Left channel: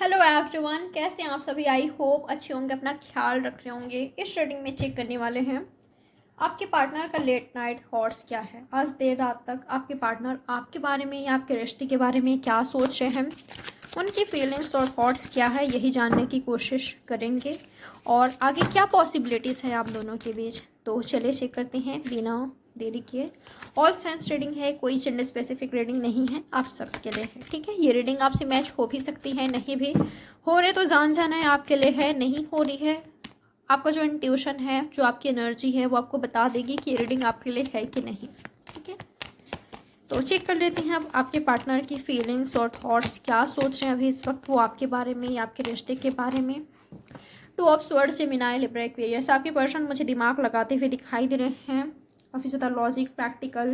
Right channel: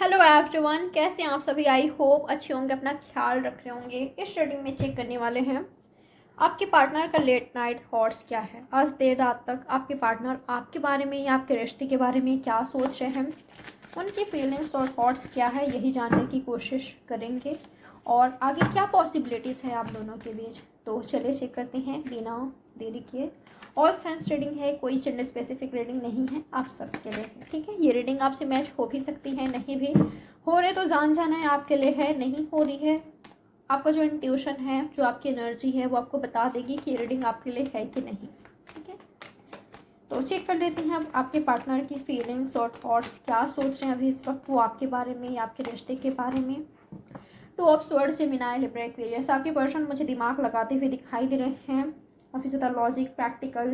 Hello everyone, कैसे हैं आप सभी। आई होप अच्छे होंगे, अपना ख्याल रख रहे होंगे। इस रीडिंग में चेक करने वाले हैं आपके पार्टनर का लेट नाइट थॉट्स क्या है। आज देर रात तक आपके पार्टनर आपके बारे में या आपके रिश्ते के बारे में क्या सोच रहे हैं, उनकी फीलिंग्स और थॉट्स क्या है, यही जानने की कोशिश करेंगे और आगे क्या पॉसिबिलिटीज़ है आप दोनों के बीच। तो चलिए चेक करते हैं बिना देरी किए। ऑल साइंस रीडिंग है, कोई जेंडर स्पेसिफिक रीडिंग नहीं है, आप सबके लिए है। ठीक है, ये रीडिंग आपसे मैच हो भी सकती है, नहीं भी हो रहे तो जान जाना है आपके लिए है। नहीं हो रही है, आपका जो इंट्यूशन है, जो आपकी एनर्जी है, वो आपको बता देगी कि ये रीडिंग आपके लिए है कि नहीं। ठीक है, तो चेक कर लेते हैं अब आपके पार्टनर की फीलिंग्स और थॉट्स क्या सोच रहे हैं अभी इस वक्त वो आपके बारे में या आपके रिश्ते के बारे में। Two of swords, Gemini, Libra, Aquarius. आपके पर्सन मुझे दिमाग लगाते हुए दिखाई दे रहे हैं, काफ़ी ज़्यादा लॉजिक प्रैक्टिकल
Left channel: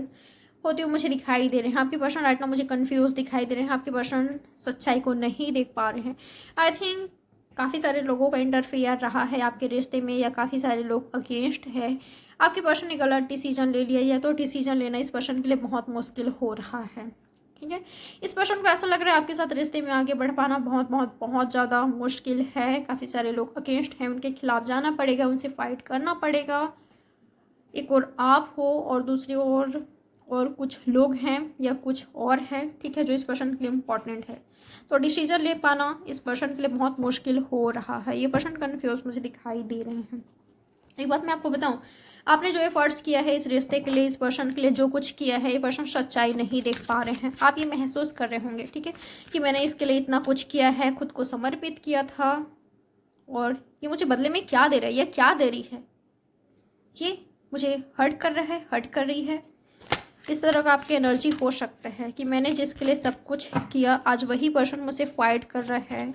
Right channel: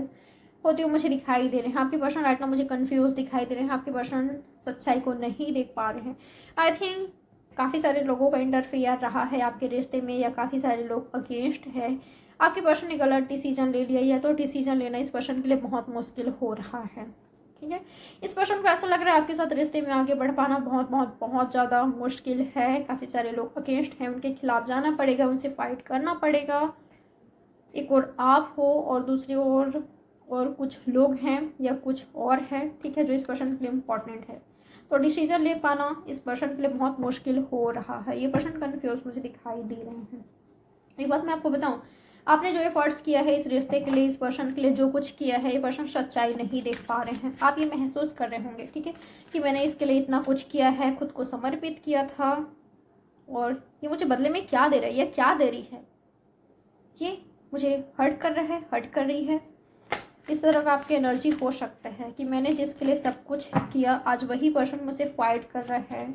होते हुए मुझे दिखाई दे रहे हैं। आपके पर्सन राइट नाउ मुझे कंफ्यूज दिखाई दे रहे हैं, आपके पर्सन सच्चाई को नहीं देख पा रहे हैं। आई थिंक काफ़ी सारे लोगों का इंटरफेयर रहा है आपके रिश्ते में, या काफ़ी सारे लोग अगेंस्ट है। आपके पर्सन ने गलत डिसीजन ले लिया, या तो डिसीजन लेना इस पर्सन के लिए बहुत मुश्किल हो रहा है। ठीक है, इस पर्सन को ऐसा लग रहा है आपके साथ रिश्ते में आगे बढ़ पाना बहुत बहुत बहुत ज़्यादा मुश्किल है। काफ़ी सारे लोग अगेंस्ट हैं, उनके खिलाफ जाना पड़ेगा, उनसे फाइट करना पड़ेगा। एक और आप हो और दूसरी ओर और कुछ लोग हैं या कुछ और है, ठीक है, जो इस पर्सन के लिए इम्पॉर्टेंट है। तो डिसीजन ले पाना इस पर्सन के लिए बहुत मुश्किल हो रहा है। ये पर्सन कन्फ्यूज मुझे दिखाई दे रहे हैं। एक बात मैं आपको बताऊं, आपने जो एफर्ट्स किया है इस रिश्ते के लिए, इस पर्सन के लिए जो कुछ किया है, ये पर्सन सच्चाई नहीं देख पा रहे हैं। आप ये महसूस कर रहे होंगे, ठीक है, कि मैंने इसके लिए इतना कुछ किया है, खुद को समर्पित किया था, और ये मुझे बदले में क्या दे रहा है, ये क्या दे रही है, ये मुझे हर्ट कर रहा है, हर्ट कर रही है। इस तरह का आपकी एनर्जी हो सकता है कि मैंने जिसके लिए सब कुछ किया, आज वही पर्सन मुझसे फाइट कर रहा है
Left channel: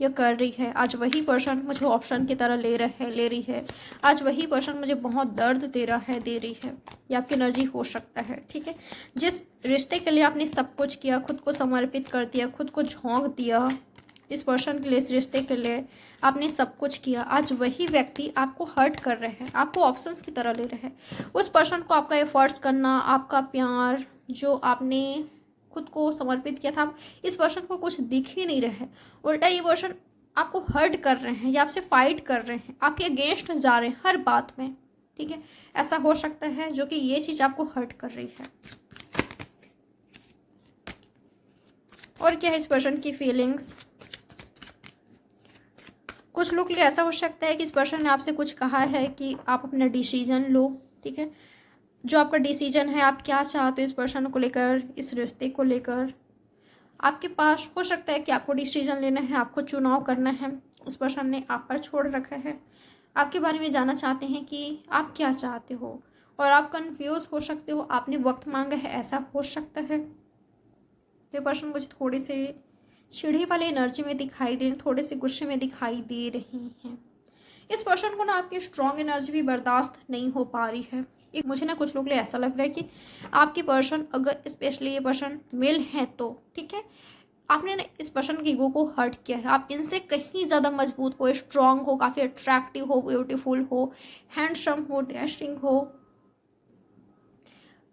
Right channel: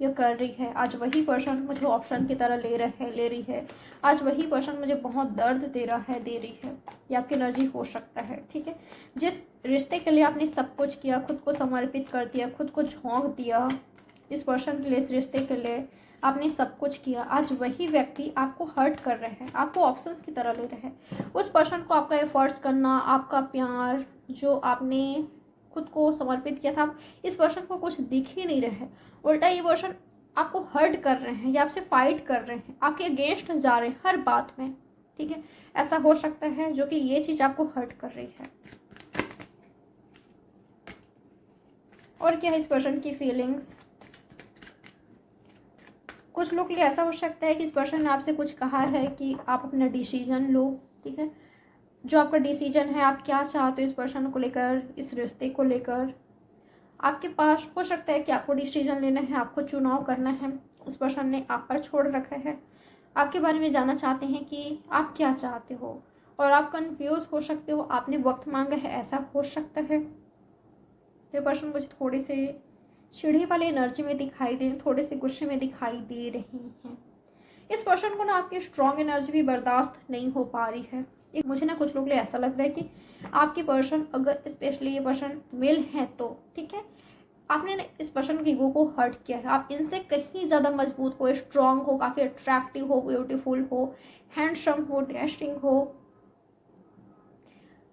या कर रही है। आज वही पर्सन मुझे ऑप्शन की तरह ले रही है। आज वही पर्सन मुझे बहुत दर्द दे रहा है, दे रही है। ये आपकी एनर्जी हो सकता है। ठीक है, जिस रिश्ते के लिए आपने सब कुछ किया, खुद को समर्पित कर दिया, खुद को झोंक दिया, इस पर्सन के लिए, इस रिश्ते के लिए आपने सब कुछ किया, आज वही व्यक्ति आपको हर्ट कर रहे हैं, आपको ऑप्शंस की तरह ले रहे हैं। उस पर्सन को आपका एफर्ट्स करना, आपका प्यार, जो आपने खुद को समर्पित किया था, इस पर्सन को कुछ दिख ही नहीं रहा है। उल्टा ये पर्सन आपको हर्ट कर रहे हैं या आपसे फाइट कर रहे हैं, आपके अगेंस्ट जा रहे हैं हर बात में। ठीक है, ऐसा हो सकता है जो कि ये चीज़ आपको हर्ट कर रही है। और क्या है इस पर्सन की फीलिंग्स। कुछ लोग के लिए ऐसा हो सकता है कि इस पर्सन ने आपसे कुछ कहा है कि आप अपना डिसीजन लो। ठीक है, जो आपका डिसीजन है, आप क्या चाहते हो इस पर्सन को लेकर, इस रिश्ते को लेकर, आपके पास हो सकता है कि आपको डिसीजन लेना है, आपको चुनाव करना है। इस पर्सन ने आप पर छोड़ रखा है, आपके बारे में जानना चाहते हैं कि आप क्या चाहते हो, और आप कंफ्यूज हो सकते हो, आपने वक्त मांगा है, ऐसा हो सकता है। ये पर्सन मुझे थोड़ी सी चिढ़ी वाली एनर्जी में दिखाई दे, थोड़े से गुस्से में दिखाई दे रही हैं। इस पर्सन को ना आपकी स्ट्रॉन्ग एनर्जी भी बर्दाश्त नहीं हो पा रही है। एक मुझे ना कुछ लोग लिए ऐसा लग रहा है कि आपके पर्सन, अगर स्पेशली ये पर्सन मेल है तो ठीक है, आपने ना इस पर्सन के ईगो को हर्ट किया है। आप इनसे कहीं ज़्यादा मजबूत हो, स्ट्रॉन्ग हो, काफ़ी अट्रैक्टिव हो, ब्यूटीफुल हो, हैंडसम हो, डैशिंग हो,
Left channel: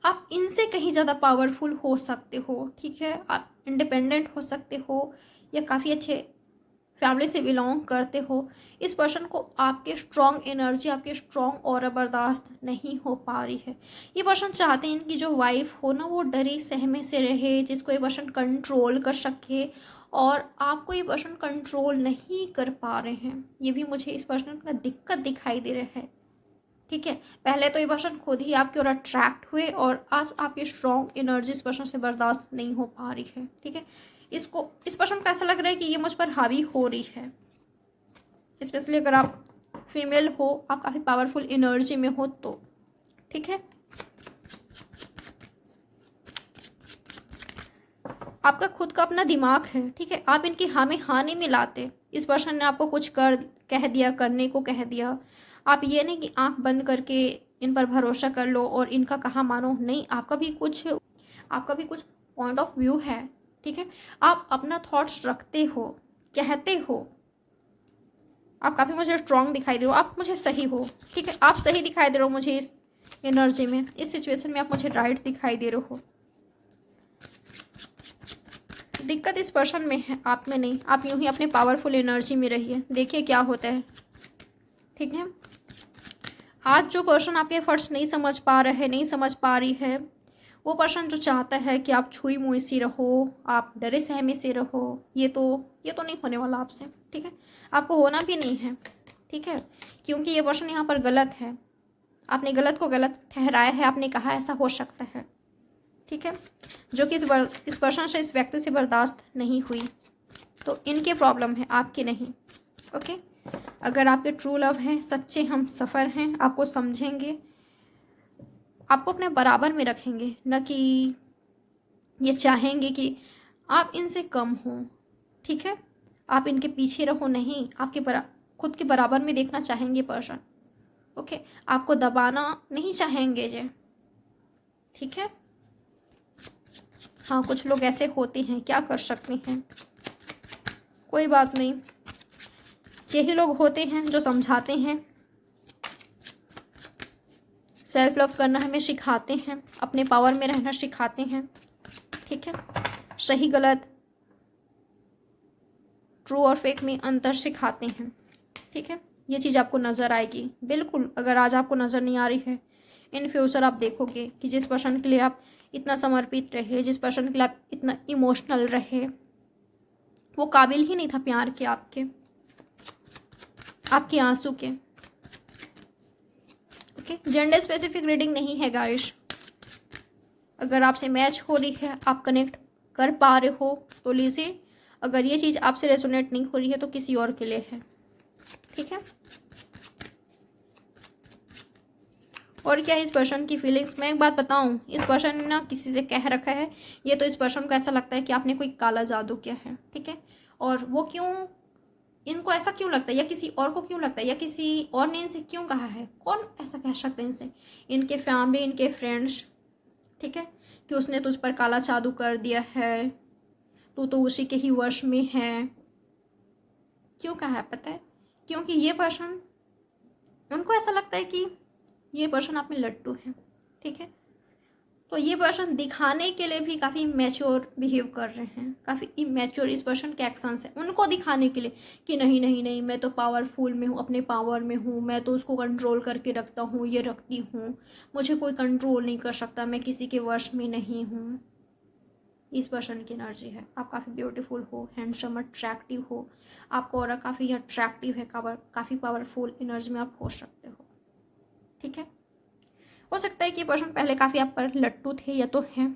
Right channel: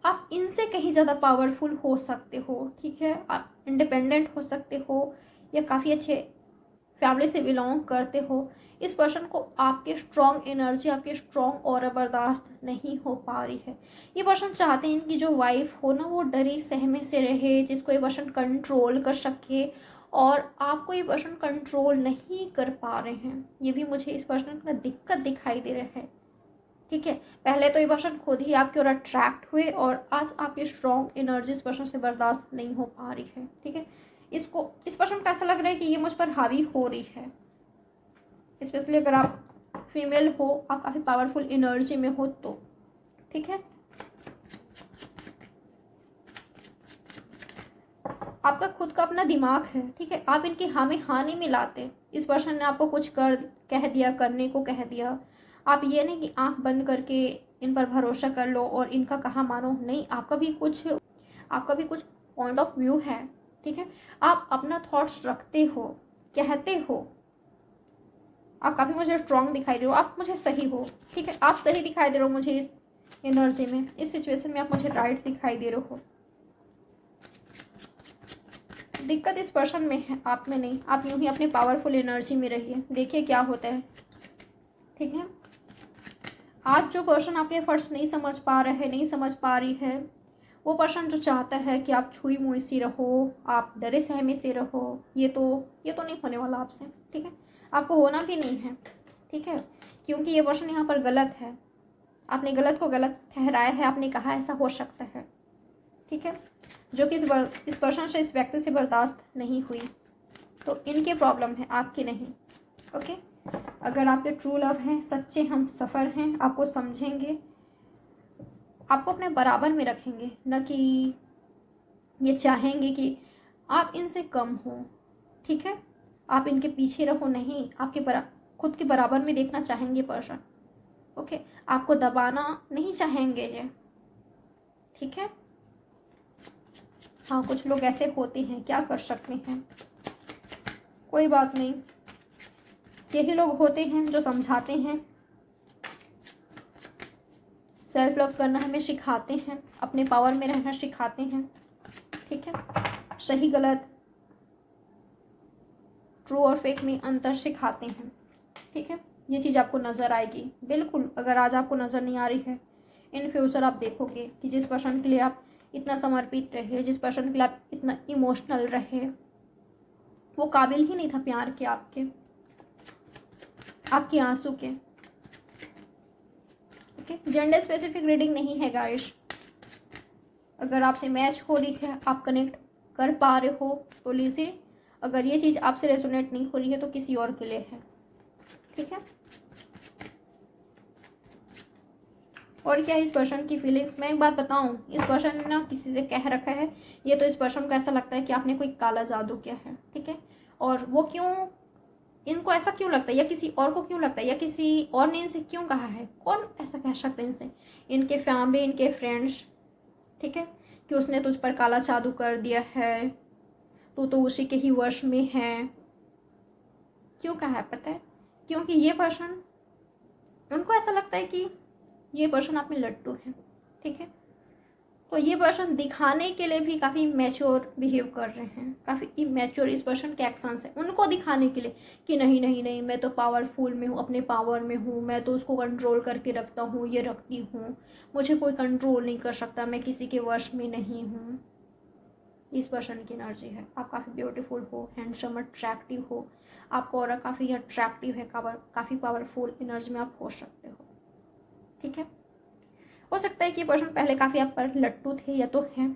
आप इनसे कहीं ज़्यादा पावरफुल हो सकते हो। ठीक है, आप इंडिपेंडेंट हो सकते हो, या काफ़ी अच्छे फैमिली से बिलोंग करते हो। इस पर्सन को आपके स्ट्रॉन्ग एनर्जी, आपके स्ट्रॉन्ग ऑरा बर्दाश्त नहीं हो पा रही है। ये पर्सन चाहते हैं इनकी जो वाइफ हो ना, वो डरी सहमे से रहे, जिसको ये पर्सन कंट्रोल कर सके, और आपको ये पर्सन कंट्रोल नहीं कर पा रहे हैं। ये भी मुझे इस पर्सन का दिक्कत दिखाई दे रहा है। ठीक है, पहले तो ये पर्सन खुद ही आपकी ओर अट्रैक्ट हुए, और आज आपकी स्ट्रॉन्ग एनर्जी इस पर्सन से बर्दाश्त नहीं हो पा रही है। ठीक है, इसको, इस पर्सन को ऐसा लग रहा है कि ये मुझ पर हावी हो रही है। स्पेशली अगर आप फीमेल हो, आप काफ़ी पावरफुल एनर्जी में हो तो। ठीक है, आपका खुद का अपना दिमाग है। ठीक है, आप इनकी हाँ में हाँ नहीं मिलाते। इस पर्सन ने आपको कुछ कह दिया, करने को कह दिया, आप ये नहीं कि आंख बंद करके इन पर भरोसा कर लो और इनका कहा मानो। नहीं, आपका भी कुछ पॉइंट ऑफ व्यू है। ठीक है, आप अपना थॉट्स रखते हो, कहते हो, आप काफ़ी मुझे स्ट्रॉन्ग दिखाई दे रहे हो, आप मुझे सही हो। ठीक है, आप सही दिखाई दे रहे हो मुझे इस एनर्जी में, इस सिचुएशन में आप मुझे राइट दिखाई दे रहे हो। दिक्कत इस पर्सन में है, आप में नहीं। आप यूं ही अपने पावरफुल एनर्जी में रहिए, देखिए क्या होता है। ठीक है, आज जो पर्सन आपके एफर्ट्स नहीं समझ पा रहे, नहीं समझ पा रही है, वो पर्सन जो चाहता है कि आप छुई मुई सी रहो, आप डरे सहमे से रहो, ये तो नहीं होने वाला आपसे। ठीक है, आपको होना भी नहीं है। ठीक है, क्योंकि ये पर्सन यहाँ पर गलत है, आपने गलत को गलत ठहराया है, आपने कहा ऐसा हो सकता है। ठीक है, जो कि इस पर्सन से, इस व्यक्ति से बर्दाश्त नहीं हुई, तो इनकी प्रॉब्लम है, आपकी नहीं। ओके, अगर आपके ट्रू लव हैं, सच्चे हम सफ़र हैं, आपको समझेंगे, आपको अपने बराबर में रखेंगे, न कि ये चाहेंगे कि आप इनसे कम हो। ठीक है, आप इनके पीछे रहो, नहीं, आपके खुद के बराबर में देखना चाहेंगे पर्सन। ओके, आपको दबाना नहीं चाहेंगे जे। ठीक है, हाँ, कुछ लोग ऐसे होते हैं, क्या कर सकते हैं, कोई बात नहीं। यही लोग होते हैं जो समझाते हैं, सेल्फ लव करना हमें सिखाते हैं, अपने पावर में रहना सिखाते हैं। ठीक है, सही गलत, ट्रू और फेक में अंतर सिखाते हैं। ठीक है, ये चीज़ आपको नज़र आएगी बिल्कुल। अगर आज आपको नज़र नहीं आ रही है, इन फ्यूचर आप देखोगे कि जिस पर्सन के लिए आप इतना समर्पित रहे, जिस पर्सन के लिए आप इतना इमोशनल रहे, वो काबिल ही नहीं था प्यार के, आपके आंसू के। ओके, जेंडर स्पेसिफिक रीडिंग नहीं है गाइस। अगर आपसे मैच हो रही है, आप कनेक्ट कर पा रहे हो तो लीजिए, अगर ये चीज़ आपसे रेजोनेट नहीं हो रही है तो किसी और के लिए है। ठीक है, और क्या इस पर्सन की फीलिंग्स, मैं एक बात बताऊं, इस पर्सन ने ना किसी से कह रखा है, ये तो इस पर्सन को ऐसा लगता है कि आपने कोई काला जादू किया है। ठीक है, और वो क्यों, इनको ऐसा क्यों लगता है, या किसी और को क्यों लगता है, या किसी और ने इनसे क्यों कहा है, कौन ऐसा कह सकता है इनसे, इनके फैमिली, इनके फ्रेंड्स। ठीक है, कि उसने तुझ पर काला जादू कर दिया है, तू तो उसी के ही वश में है। क्यों कहा है पता है, क्योंकि ये पर्सन, उनको ऐसा लगता है कि ये पर्सन आप में लट्टू है। ठीक है, तो ये पर्सन दिखाने के लिए भी काफ़ी मैच्योर बिहेव कर रहे हैं, काफ़ी इमैच्योर इस पर्सन के एक्शंस हैं, उनको दिखाने के लिए कि नहीं नहीं नहीं, मैं तो पावरफुल में हूँ, अपने पावर में हूँ, मैं तो उसको कंट्रोल करके रखता हूँ, ये रखती हूँ, मुझे कोई कंट्रोल नहीं कर सकता, मैं किसी के वश में नहीं हूँ। इस पर्सन की एनर्जी है, आप काफ़ी ब्यूटीफुल हो, हैंडसम, अट्रैक्टिव हो, आपको और काफ़ी अट्रैक्टिव है, काफ़ी पावरफुल एनर्जी में आप हो सकते हो। ठीक है, हो सकता है कि पर्सन पहले काफ़ी आप पर लट्टू थे या तो हैं।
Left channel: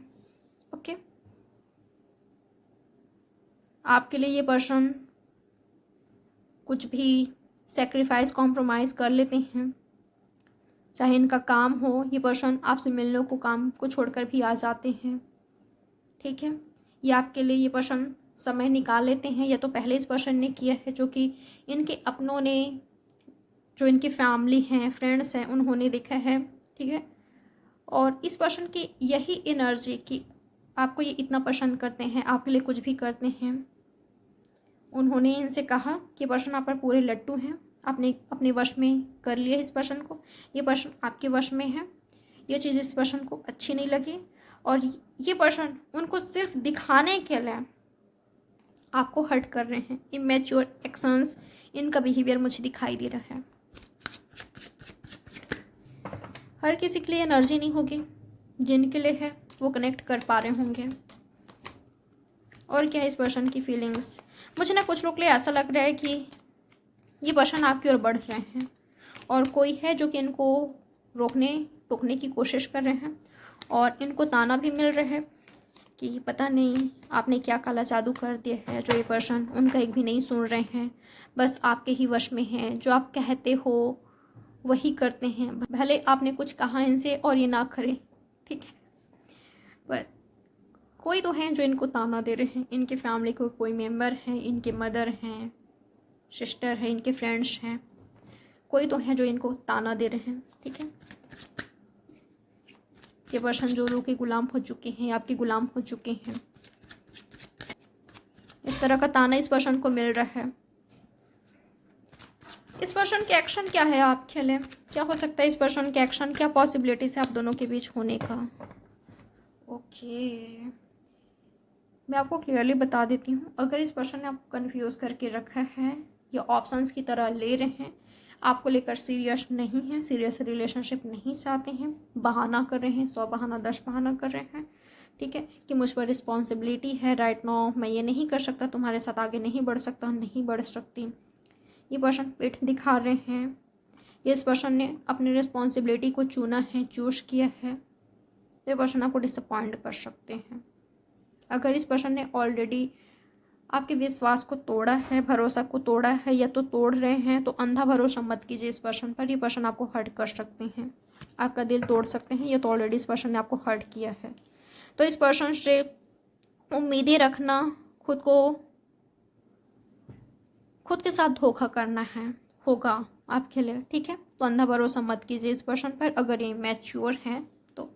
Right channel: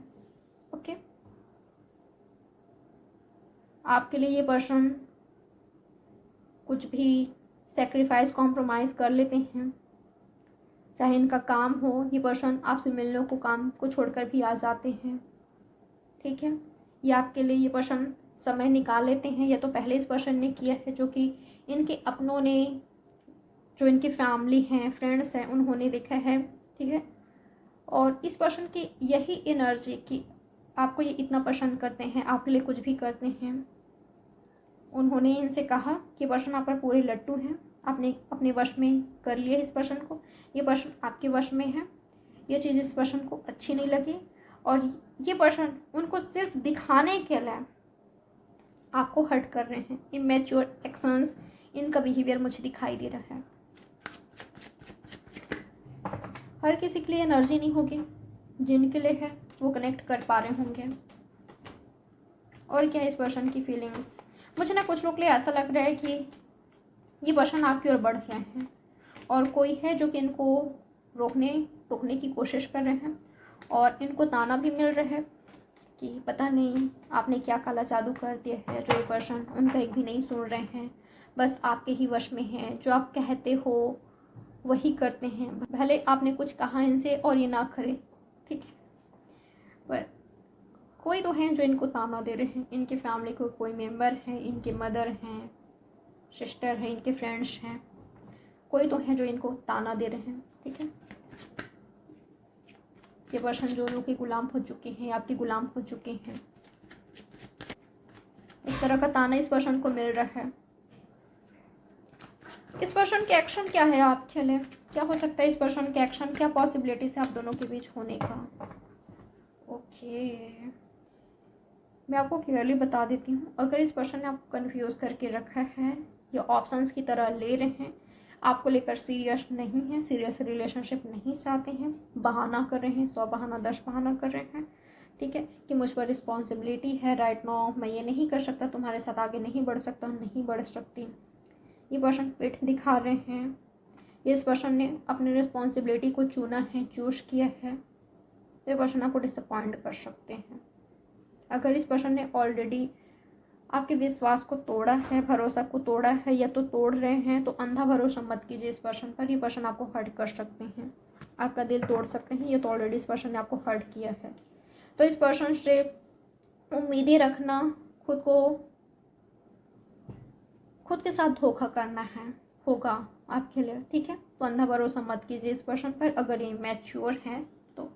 ओके, आपके लिए ये पर्सन कुछ भी सेक्रीफाइस, कॉम्प्रोमाइज़ कर लेते हैं, चाहे इनका काम हो, ये पर्सन आपसे मिलने को, काम को छोड़कर भी आ जाते हैं। ठीक है, ये आपके लिए ये पर्सन समय निकाल लेते हैं, या तो पहले इस पर्सन ने किया है, जो कि इनके अपनों ने, जो इनकी फैमिली हैं, फ्रेंड्स हैं, उन्होंने देखा है। ठीक है, और इस पर्सन की यही एनर्जी कि आपको ये इतना पसंद करते हैं, आपके लिए कुछ भी करते हैं, उन्होंने इनसे कहा कि पर्सन आप पर पूरे लट्टू हैं, आपने अपने वश में कर लिया इस पर्सन को, ये पर्सन आपके वश में है। ये चीज़ इस पर्सन को अच्छी नहीं लगी, और ये पर्सन उनको सिर्फ दिखाने के लिए आपको हर्ट कर रहे हैं। इमेच्योर एक्शंस, इनका बिहेवियर मुझे दिखाई दे रहा है। हर किसी के लिए एनर्जी नहीं होगी, जिनके लिए है वो कनेक्ट कर पा रहे होंगे। और क्या इस पर्सन की फीलिंग्स, मुझे ना कुछ लोग के लिए ऐसा लग रहा है कि ये पर्सन आपकी ओर बढ़ रहे हैं, और कोई है जो कि इनको रोकने टोकने की कोशिश कर रहे हैं, और इनको ताना भी मिल रहा है कि पता नहीं आपने क्या काला जादू कर दिया है, जो ये पर्सन उनका एक भी नहीं सुन रहे हैं, बस आपके ही वश में है, जो आप कहते हो वही करते हैं, भले आपने कुछ कहा इनसे और ये ना करें। ठीक है, पर कोई तो हैं जो इनको ताना दे रहे हैं, इनके फैमिली को कोई मेंबर हैं, इनके मदर हैं, सिस्टर हैं, इनके फ्रेंड्स हैं, कोई तो हैं जो इनको ताना दे रहे हैं। ठीक है, ये पर्सन जो लोग के गुलाम हो चुके हैं, आपके गुलाम हो चुके हैं, इस तरह का ताना इस पर्सन को मिल रहा है। इस पर्सन के एक्शन क्या है आपके लिए, क्या हो सकता है इस पर्सन के एक्शन, क्या पॉसिबिलिटीज है आप दोनों के बीच होने का। ओके, मैं आपको क्लियरली बता देती हूँ, अगर इस पर्सन ने आपको कन्फ्यूज़ करके रखा है या ऑप्शंस की तरह ले रहे हैं, आपको लेकर सीरियस नहीं है, सीरियस रिलेशनशिप नहीं चाहते हैं, बहाना कर रहे हैं, 100 बहाना 10 बहाना कर रहे हैं, ठीक है, कि मुझ पर रिस्पॉन्सिबिलिटी है राइट नाउ, मैं ये नहीं कर सकता, तुम्हारे साथ आगे नहीं बढ़ सकता, नहीं बढ़ सकती, ये पर्सन पीठ दिखा रहे हैं, इस पर्सन ने अपनी रिस्पॉन्सिबिलिटी को चुना है, चूज किया है, तो ये पर्सन आपको डिसअपॉइंट कर सकते हैं। अगर इस पर्सन ने ऑलरेडी आपके विश्वास को तोड़ा है, भरोसा को तोड़ा है या तो तोड़ रहे हैं, तो अंधा भरोसा मत कीजिए इस पर्सन पर। ये पर्सन आपको हर्ट कर सकते हैं, आपका दिल तोड़ सकते हैं, ये तो ऑलरेडी इस पर्सन ने आपको हर्ट किया है। तो इस पर्सन से उम्मीदें रखना, खुद के साथ धोखा करना है होगा आपके लिए, ठीक है। तो अंधा भरोसा मत कीजिए इस पर्सन पर, अगर ये मैच्योर हैं तो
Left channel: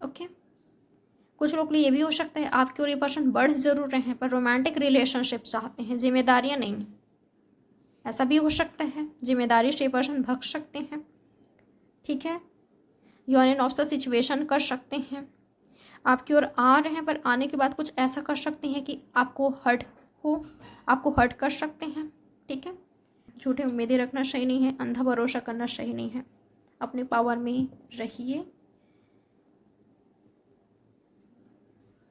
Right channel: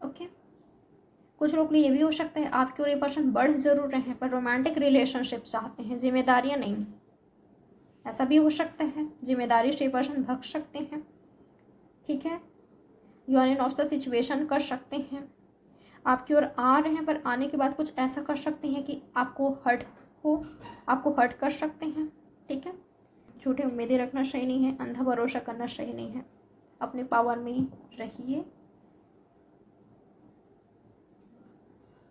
ओके। कुछ लोग लिए ये भी हो सकता है आपके और ये पर्सन बढ़ जरूर रहे हैं पर रोमांटिक रिलेशनशिप चाहते हैं, जिम्मेदारियां नहीं, ऐसा भी हो सकता है। जिम्मेदारी से ये पर्सन भग सकते हैं, ठीक है। यूनियन ऑफ द सिचुएशन कर सकते हैं, आपकी ओर आ रहे हैं पर आने के बाद कुछ ऐसा कर सकते हैं कि आपको हर्ट कर सकते हैं, ठीक है। झूठी उम्मीदें रखना सही नहीं है, अंधा भरोसा करना सही नहीं है, अपने पावर में रहिए,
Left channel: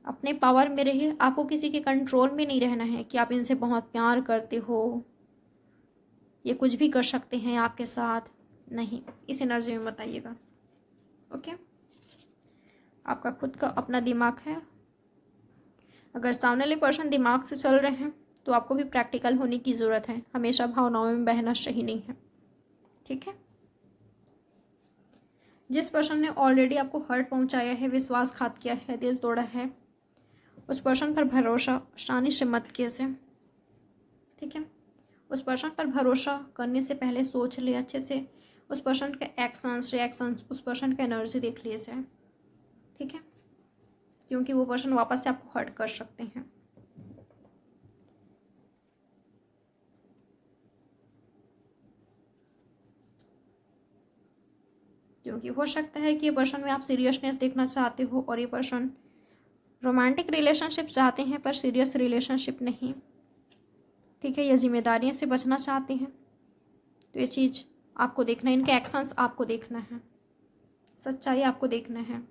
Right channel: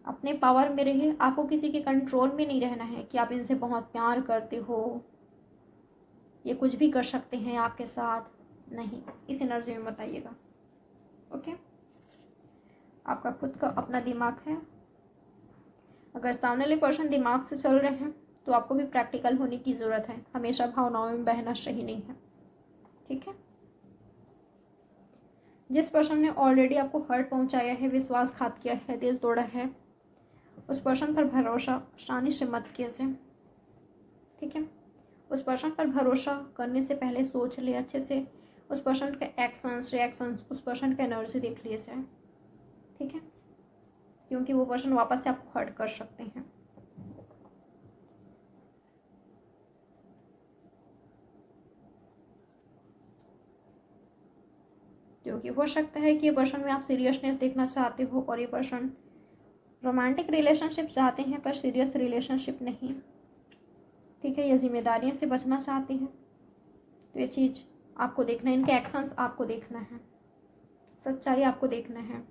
अपने पावर में रहिए। आपको किसी के कंट्रोल में नहीं रहना है कि आप इनसे बहुत प्यार करते हो, ये कुछ भी कर सकते हैं आपके साथ, नहीं, इस एनर्जी में मत आइएगा, ओके। आपका खुद का अपना दिमाग है, अगर सामने वाले पर्सन दिमाग से चल रहे हैं तो आपको भी प्रैक्टिकल होने की ज़रूरत है, हमेशा भावनाओं में बहना सही नहीं है, ठीक है। जिस पर्सन ने ऑलरेडी आपको हर्ट पहुंचाया है, विश्वासघात किया है, दिल तोड़ा है, उस पर्सन पर भरोसा आसानी से मत कीजिए, ठीक है। उस पर्सन पर भरोसा करने से पहले सोच ले अच्छे से, उस पर्सन के एक्शंस रिएक्शंस, उस पर्सन का एनर्जी देख लीजिए, ठीक है, क्योंकि वो पर्सन वापस से आपको हर्ट कर सकते हैं। क्योंकि हो सकता है कि ये पर्सन में आप सीरियसनेस देखना चाहते हो और ये पर्सन रोमांटिक रिलेशनशिप चाहते हैं पर सीरियस रिलेशनशिप नहीं, ठीक है। ये जिम्मेदारियों से बचना चाहते हैं, तो ये चीज़ आपको देखना है, इनके एक्शंस आपको देखना है, सच्चाई आपको देखना है,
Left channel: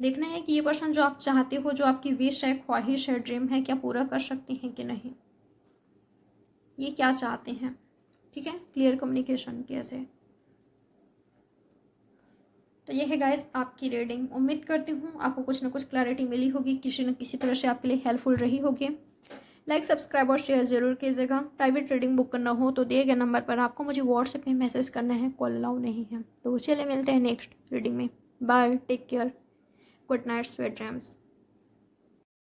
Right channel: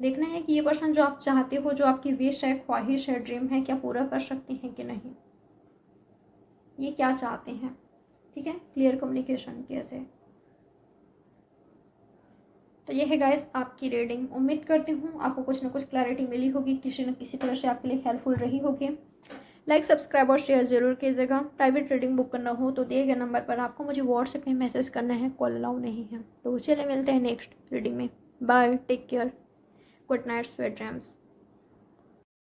देखना है कि ये पर्सन जो आप चाहते हो, जो आपकी विश है, ख्वाहिश है, ड्रीम है, क्या पूरा कर सकते हैं कि नहीं, ये क्या चाहते हैं, ठीक है। क्लियर कम्युनिकेशन कैसे। तो ये है गाइस आपकी रीडिंग, उम्मीद करती हूँ आपको कुछ ना कुछ क्लैरिटी मिली होगी, किसी न किसी तरह से आपके लिए हेल्पफुल रही होगी। लाइक सब्सक्राइब और शेयर जरूर कीजिएगा। प्राइवेट रीडिंग बुक करना हो तो दिए गए नंबर पर आपको मुझे व्हाट्सएप में मैसेज करना है, कॉल अलाउ नहीं है। तो चलिए मिलते हैं नेक्स्ट रीडिंग में, bye, take care, good night, sweet dreams.